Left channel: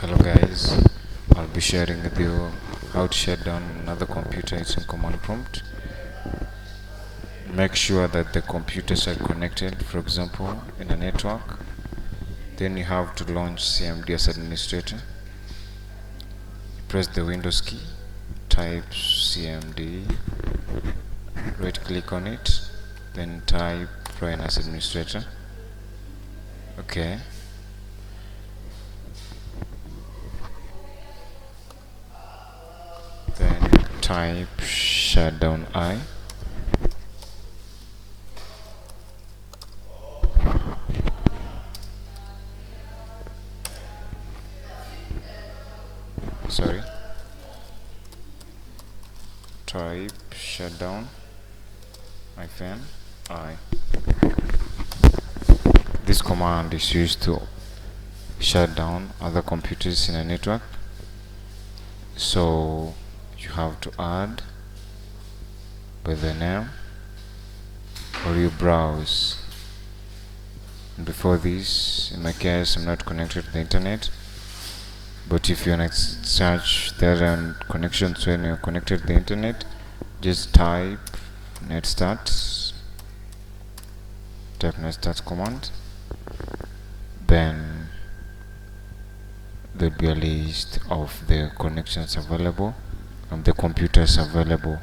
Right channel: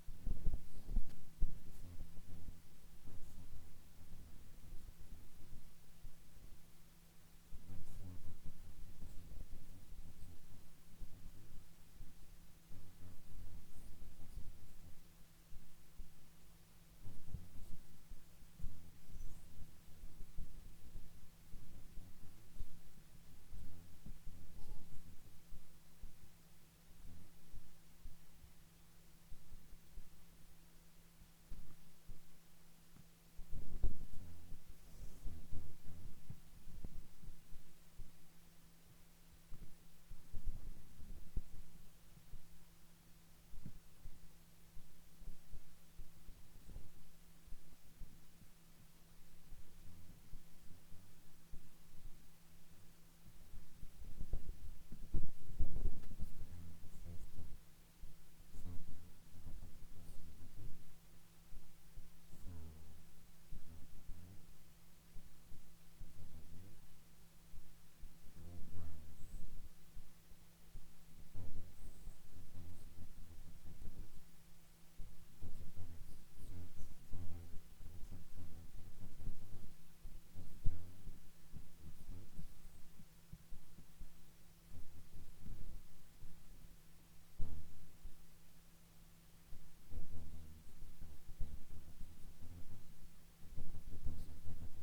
Hello guys, I'll be sharing with you how to shut down another computer using command prompt. Make sure that the computers are connected, for example in a network. Then you have to launch CMD as administrator. Press the Windows key, type CMD, right click on it, then type run as administrator. Okay. Then type shutdown I. Sorry. Type shutdown -I. This command is used to shut down other computers in a network. So you have to add by the name, or you browse. And before this, in my case, I'm not connected to the internet, but if you want to search there are connections when you're connected to the internet, just type netstart, command, then there'll be a list of the connections available and the computers available.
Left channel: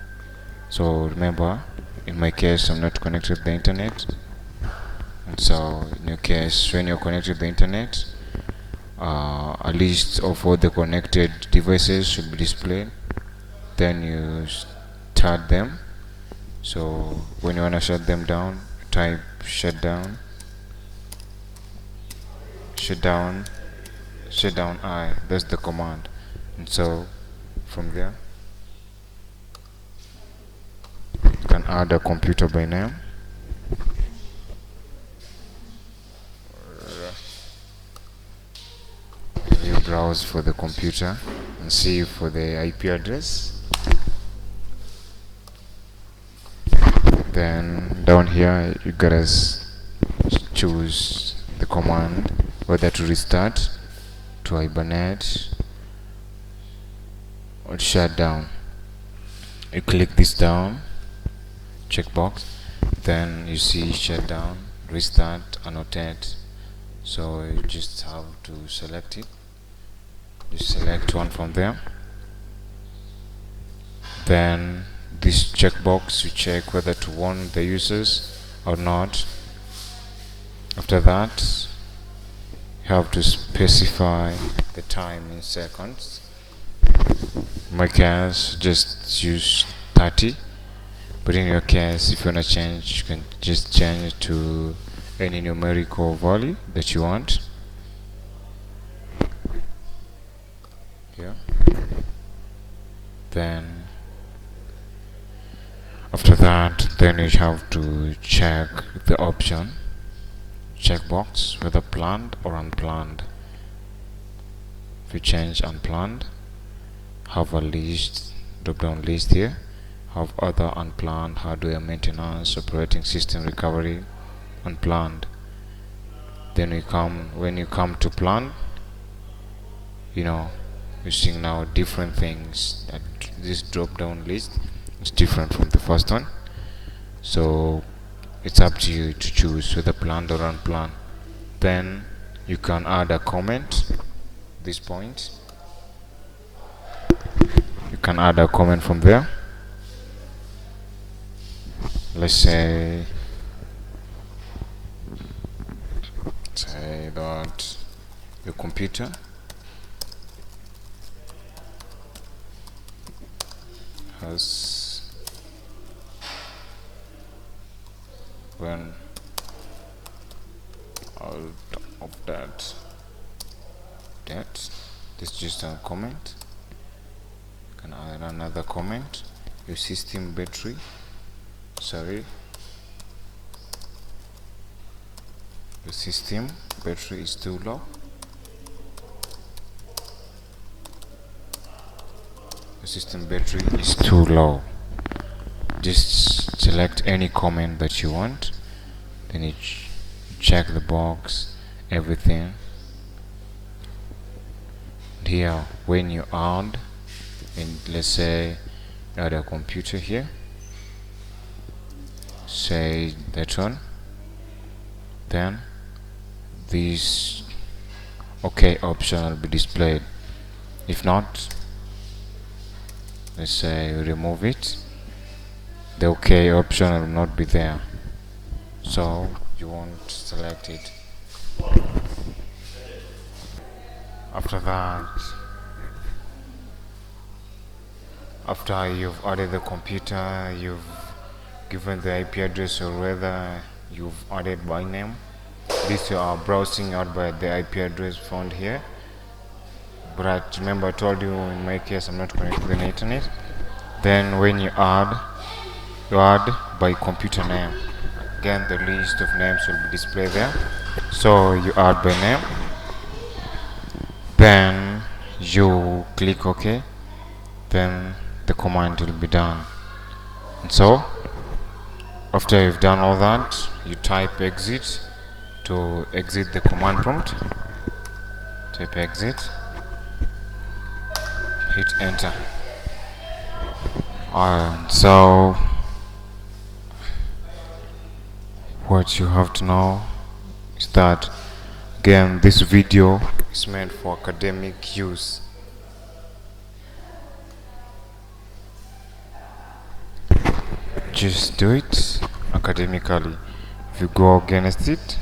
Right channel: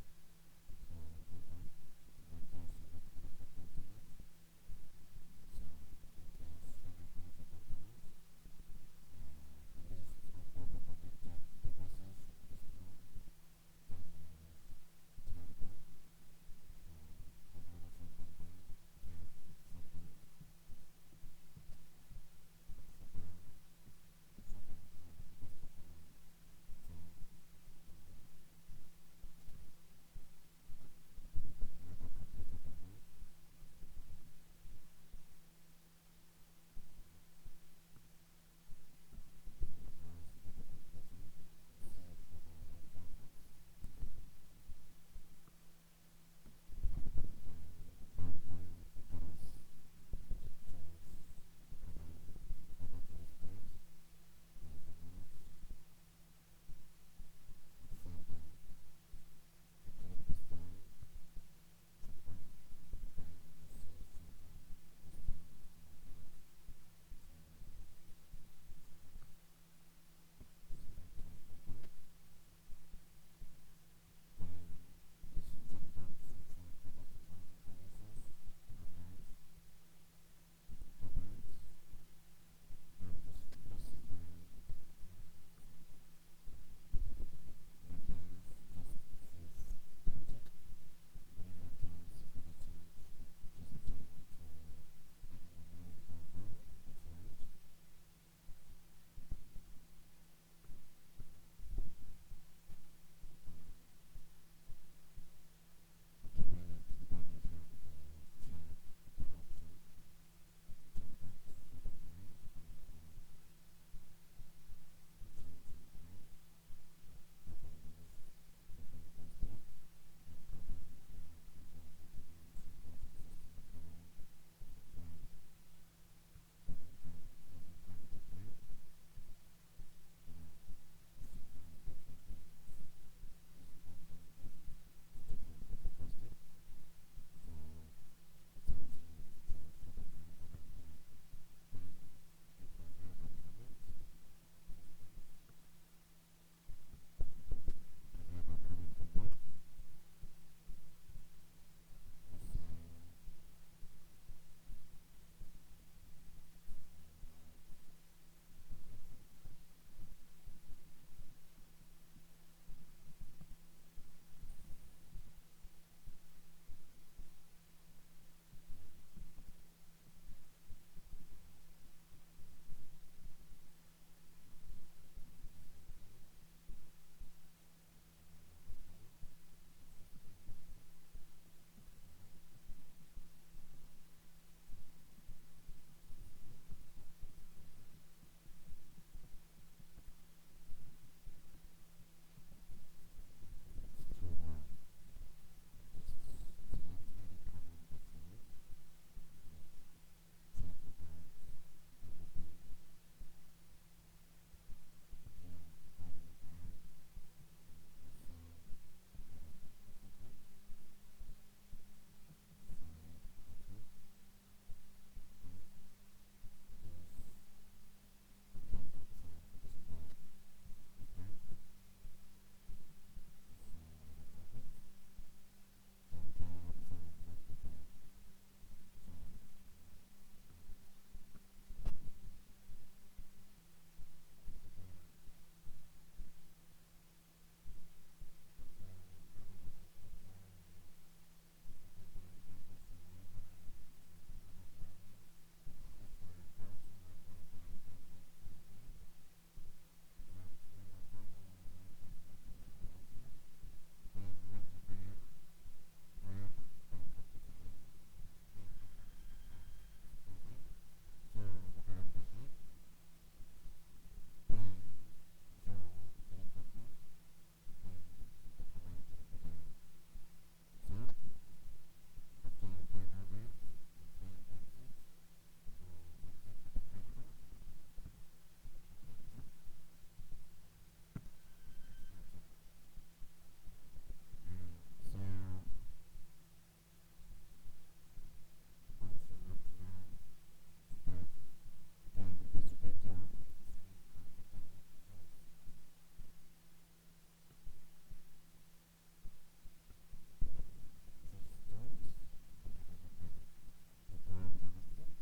So remember, in my case, I'm not connected to the internet, and so in your case, when you're connected to the internet, a list of all the connected devices should be displayed. Then you start them. So when you want to shut them down, type shutdown I. That's the command. And so from there, you can add a computer by name. You browse for the computer and see for the IP address. Then down here you gotta choose the command whether to restart, to hibernate, or to shut down. You click this down checkbox, then you see shut down, restart, annotate. So you just have to select it. You select one from there. Then this checkbox, you check whether to warn the users or not. After that, you have to specify the time in seconds. In my case, just use 30, but in your case, if you want to change, you can just change it to any numerical value that you want. Yeah. Then after that, then you have to check the option checkbox whether planned or unplanned. If you change unplanned, have a list, drop down list here, have other unplanned, hardware maintenance, operating system recovery, unplanned. Then when you come to plan, you're seeing now different things. That this drop down list is different from the first one, so it's up to you to choose whether planned or unplanned. Then you can add a comment. This point, you can add a comment from there. Let's say that your computer has run out of that. This is just a comment. You can add another comment. Your system battery, your system battery is too low. The system battery is too low. Just select any comment that you want, then you check the box, everything. Here when you add, and let's say add a computer here, say that one, then this OK option will be displayed. If not, let's say remove it, the OK option will not be there, so you won't select it. After that, after you've added the computer, you've given the IP address, or whether you've added by name, this you are browsing out by the IP address found here. But remember, I told you in my case I'm not connected to the internet. Then when you add by computer name. Again, the list of names will be displayed there, so you add by name, then you click OK, then the command will be done. And so after you've done all that, you type exit to exit the command prompt. Type exit, hit enter. So what you have to know is that, again, this video is meant for academic use. Just do it academically. If you go against it,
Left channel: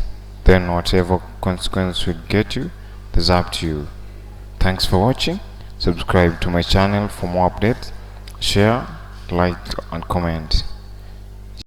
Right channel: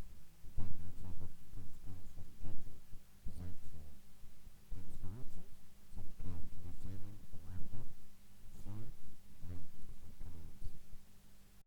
then whatever consequence will get you, it's up to you. Thanks for watching. Subscribe to my channel for more updates. Share, like and comment.